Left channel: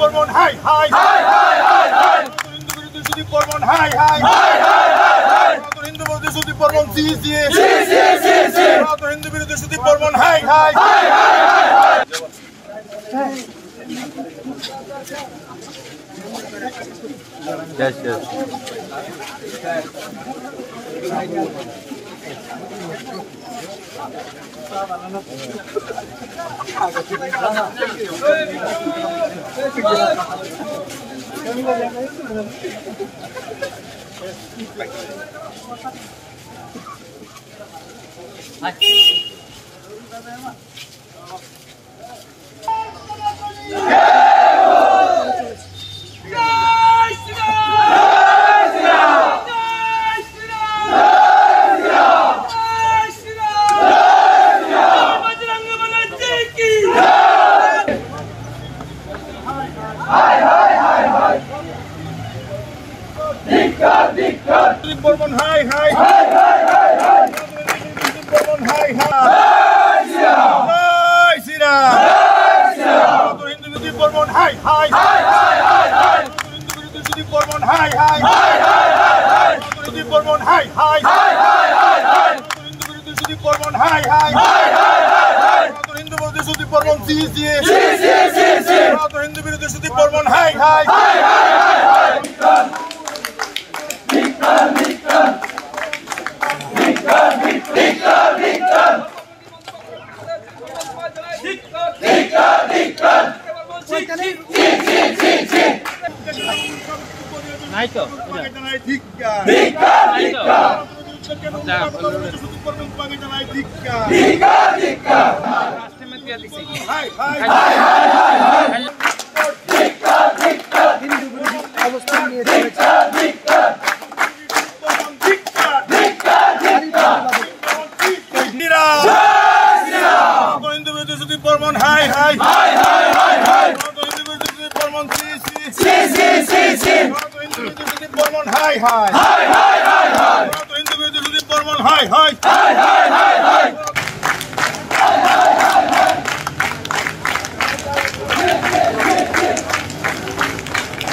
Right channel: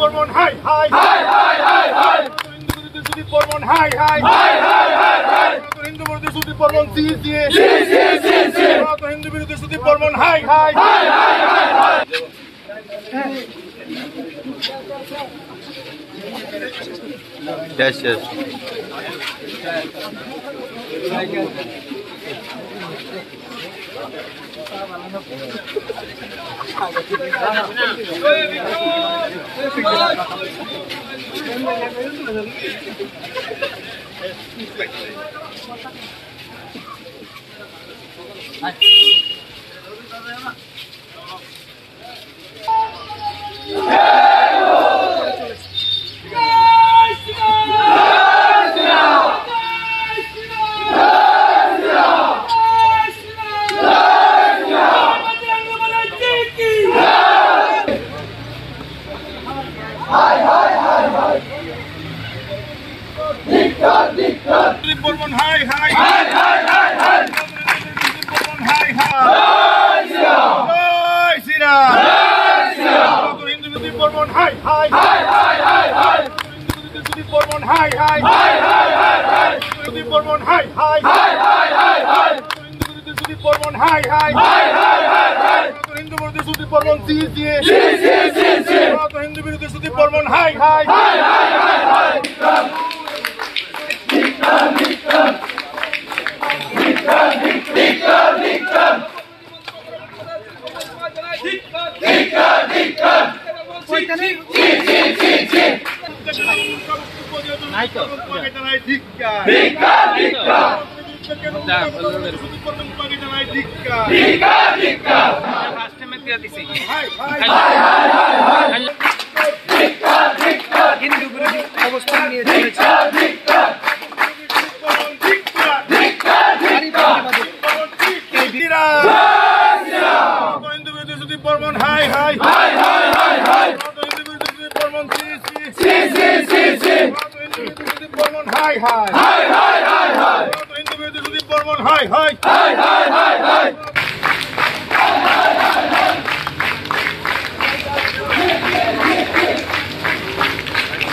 বর্মন হাই হাই হাই হাই হাই হাই হিন্দু বিরোধী সুদীপ বর্মন হাই হাই হাই হাই হাই হাই হিন্দু বিরোধী সুদীপ বর্মন সি সি সি সি সি সি হিন্দু বিরোধী সুদীপ বর্মন হাই হাই হাই হাই হাই হাই Yes, yes. সুদীপ বর্মন হাই হাই হাই হাই হাই হাই সুদীপ বর্মন হাই হাই জয় শ্রীরাম জয় শ্রীরাম হিন্দু বিরোধী বর্মন হাই হাই হাই হাই হাই হাই হিন্দু বিরোধী সুদীপ বর্মন হাই হাই হাই হাই হাই হাই সুদীপ বর্মন হাই হাই হাই হাই হাই হাই হিন্দু বিরোধী সুদীপ বর্মন হাই হাই হাই হাই হাই হাই হিন্দু বিরোধী সুদীপ বর্মন সি সি সি সি সি সি হিন্দু বিরোধী সুদীপ বর্মন হাই হাই হাই হাই হাই হাই হিন্দু বিরোধী অবস্থান নিয়ে চলেছে হিন্দু বিরোধী সুদীপ বর্মন হাই হাই হাই হাই হাই হাই হিন্দু বিরোধী সুদীপ বর্মন সি সি সি সি সি হিন্দু বিরোধী সুদীপ বর্মন হাই হাই হাই হাই হাই হাই হিন্দু বিরোধী সুদীপ বর্মন হাই হাই হাই হাই হাই হাই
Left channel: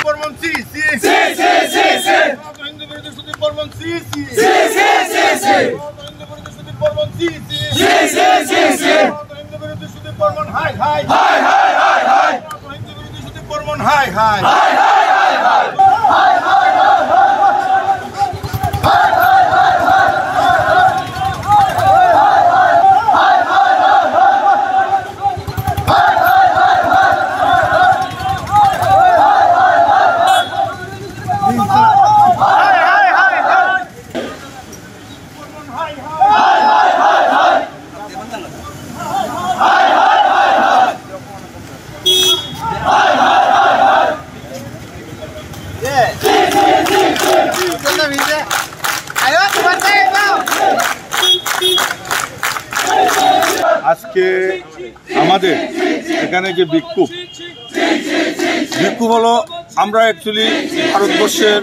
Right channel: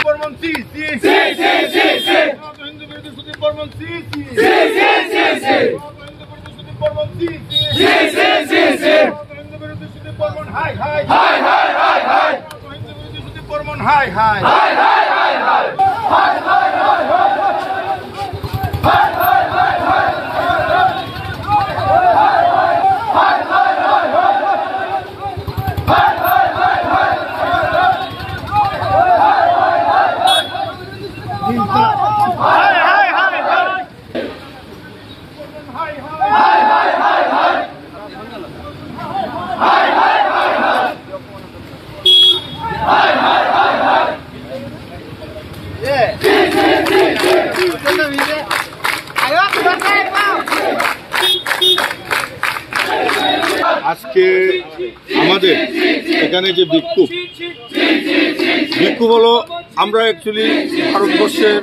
বর্মন সি সি সি সি সি সি হিন্দু বিরোধী সুদীপ বর্মন সি সি সি সি সি সি হিন্দু বিরোধী সুদীপ বর্মন সি সি সি সি সি সি হিন্দু বিরোধী সুদীপ বর্মন হাই হাই হাই হাই হাই হাই হিন্দু বিরোধী সুদীপ বর্মন হাই হাই হাই হাই হাই হাই হাই হাই আজকে আমাদের এখানে যে বিক্ষোভ হলো, আমরা অ্যাকচুয়ালি ভারতবর্ষের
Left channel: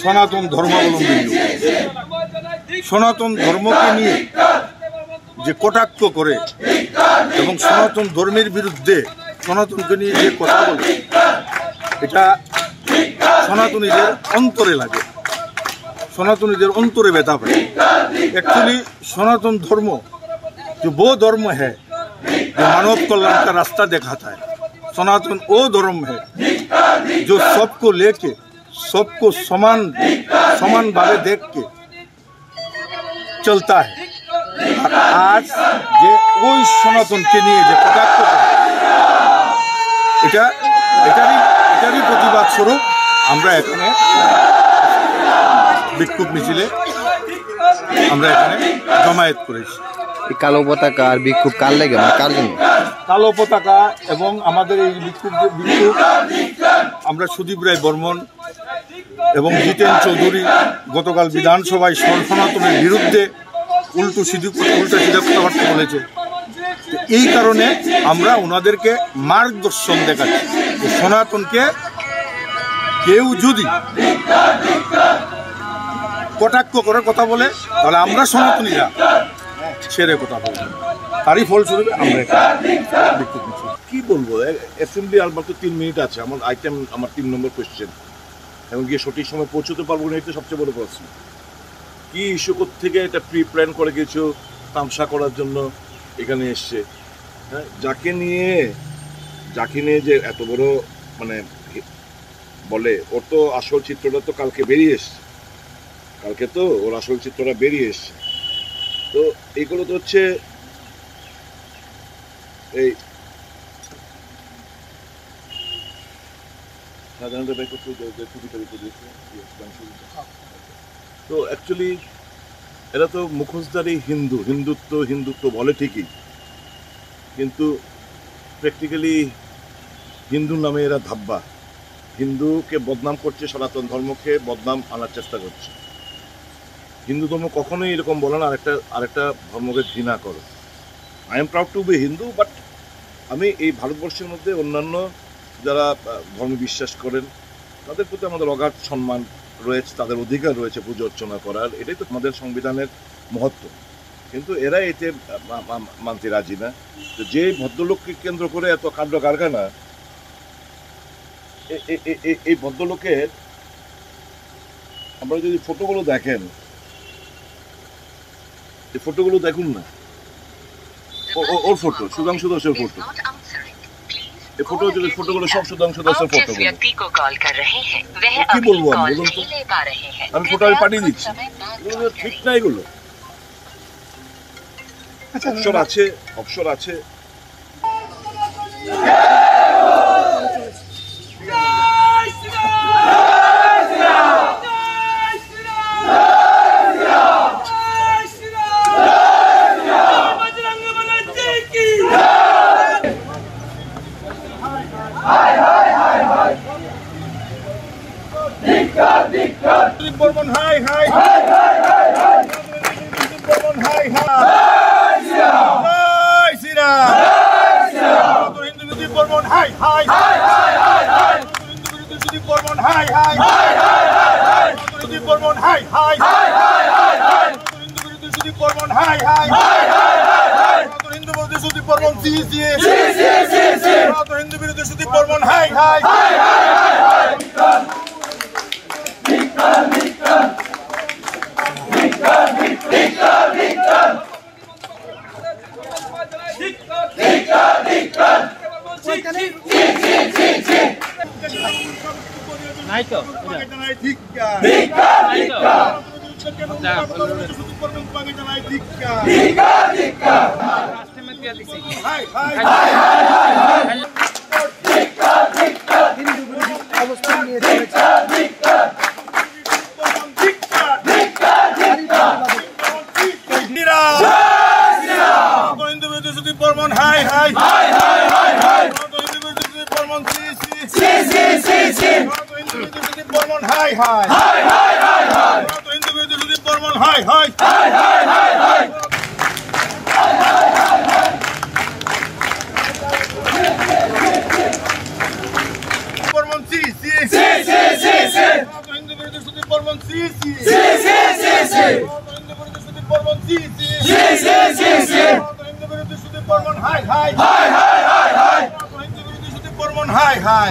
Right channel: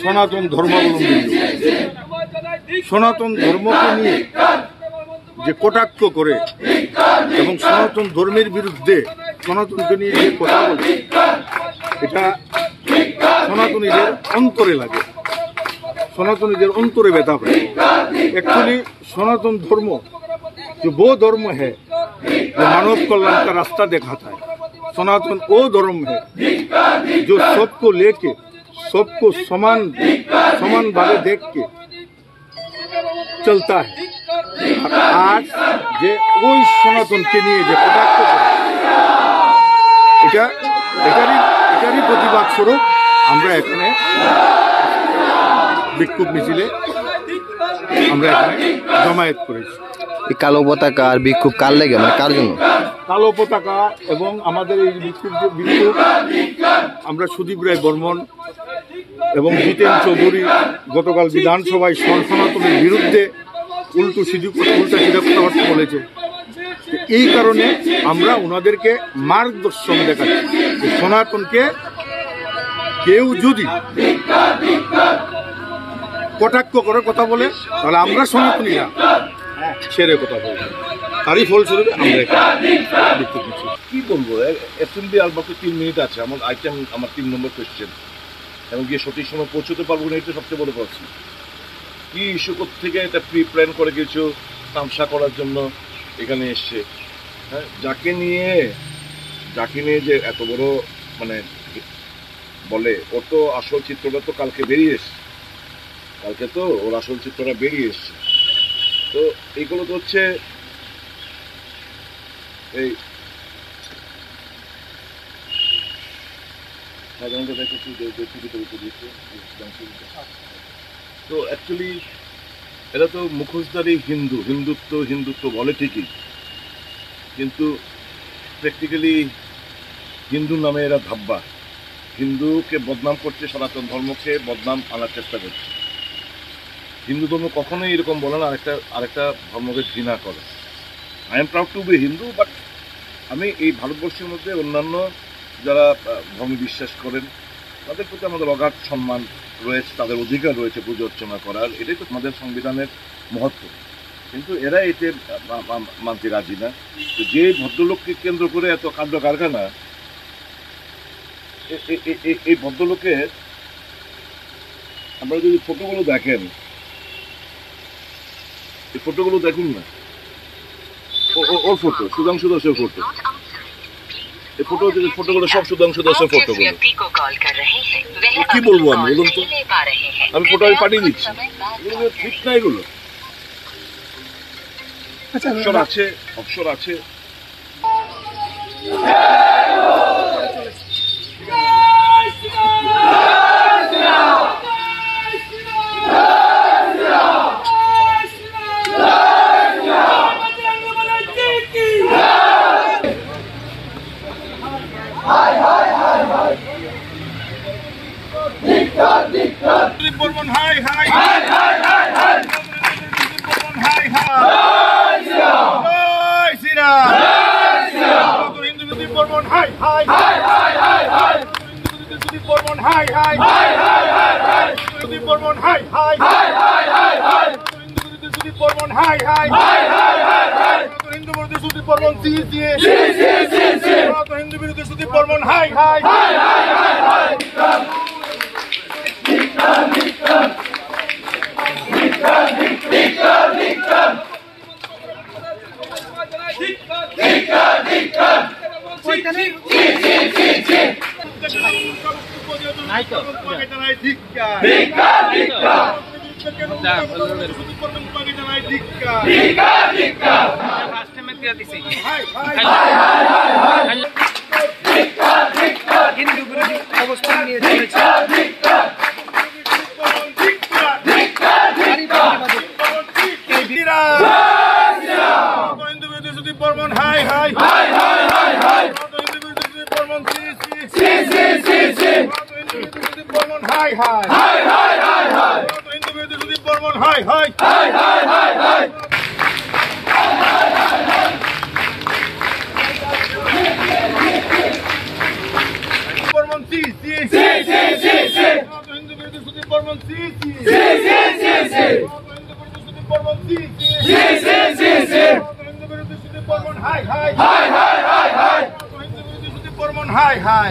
সনাতন ধর্মাবলম্বী লোক। সনাতন ধর্মকে নিয়ে যে কটাক্ষ করে এবং সনাতন ধর্মের বিরুদ্ধে সনাতনকে নিয়ে যে কথা বলে, এটা সনাতনীদের অন্তরে লাগে, সনাতনীদের অন্তরে ব্যথা পায়। एक्चुअली सनातन धर्म जो वो धर्म है जो मानव कल्याण का रास्ता दिखाता है, सनातन वो धर्म है जो सबको लेके सबको समान भावे देख के चलता है। और आज जे ওই সনাতনকে নিয়ে যে কটাক্ষ করে, এটারই প্রতিবাদ স্বরূপ আমরা এখানে বিক্ষোভ মিছিলে আমরা এখানে জমায়েত করেছি। কালো পতাকা আর বিক্ষোভ কার লাগে, মানে কার জন্য? কালো পতাকা এবং আমাদের এই বিক্ষোভ আমরা সুদীপ রায় বর্মন এবং জিতেন চৌধুরী গতকাল বিধানসভায় সনাতনের বিরুদ্ধে উল্টা সিধা কথাবার্তা বলেছে। এই কারণে আমরা ওনাদেরকে মার্গদর্শন দেখাচ্ছি যে সনাতনকে কেউ যদি কটাক্ষ করে কথা বলে তাহলে আমরা সনাতনীরা ছেড়ে কথা বলবো। তারই ফলস্বরূপে আমরা বলবো, অ্যাসেম্বলি আর মাত্র 3 মিনিট আছে, আমার আইটেম আমার 3 নম্বর কোয়েশ্চেন, এবং গিয়ে সঠিক সময় পৌঁছতে পারবো না, এটা সবচেয়ে বড় প্রশ্ন। কি ইস্যু থেকে এটা প্রি প্ল্যান করে কিছু তামসা করার জন্য এখানে এসছে, হ্যাঁ, যাকে নিয়ে যে এত বড় মানে বলে, ওর তো আসল চিত্রটা তো কালকে বেরিয়ে এসছে, কালকে তো ওর আসল চিত্রটা বেরিয়ে এসছে। তো এইগুলো তো হচ্ছে এই তো অ্যাকচুয়ালি এরা তো মুখোশধারী হিন্দুত্ব বলে ঠিকই, কিন্তু প্র্যাকটিক্যালি হিন্দু নামে এরা ধাব্বা, হিন্দুকে বদনাম করছে, সনাতন ধর্মকে বদনাম আনার চেষ্টা করছে। হিন্দু ধর্ম কখনোই এরকম বলে না আরেকটা ধর্মকে ঘৃণা করে। I am proud to be Hindu, but আমি এই ভারতবর্ষের মধ্যে অন্যান্য যারা ধর্মে বিশ্বাস করেন তাদের প্রতি আমাদের অগাধ সম্মান রয়েছে, তাদের অধিকার রয়েছে পুজো অর্চনা করার, এটাই তো আমাদের সংবিধানের মহত্ব। কিন্তু এরা এতে মানতে রাজি না। তো যে ভদ্রলোককে কেন্দ্র করে এত কাণ্ড কারখানা, এই ভদ্রলোকের আপনারা যদি ফটোগুলো দেখেন, এই ফটোগুলো দেখুন না, ওর ফটো, সুধাংশু দাসের ফটো, এই ফটোগুলো সব সুধাংশু দাসের ফটোগুলো। কি বলবো আমি, বলুন তো, আমি ফটো পাঠিয়ে দিচ্ছি, এগুলো ঠিক না, এগুলো অবসর আছে। বর্মন হাই হাই, বর্মন হাই হাই, জয় শ্রীরাম, হিন্দু বিরোধী বর্মন হাই হাই, হিন্দু বিরোধী বর্মন হাই হাই, বিরোধী বর্মন হাই হাই, হিন্দু বিরোধী বর্মন হাই হাই, হিন্দু বিরোধী বর্মন সি সি, হিন্দু বিরোধী বর্মন হাই হাই। হিন্দু বিরোধী অবস্থান নিয়ে চলেছে। হিন্দু বিরোধী বর্মন হাই হাই, হিন্দু বিরোধী বর্মন সি সি, হিন্দু বিরোধী বর্মন হাই হাই, হিন্দু বিরোধী বর্মন হাই হাই, বর্মন সি সি, হিন্দু বিরোধী বর্মন সি সি, বর্মন সি সি, হিন্দু বিরোধী বর্মন হাই হাই, হিন্দু বিরোধী বর্মন হাই হাই।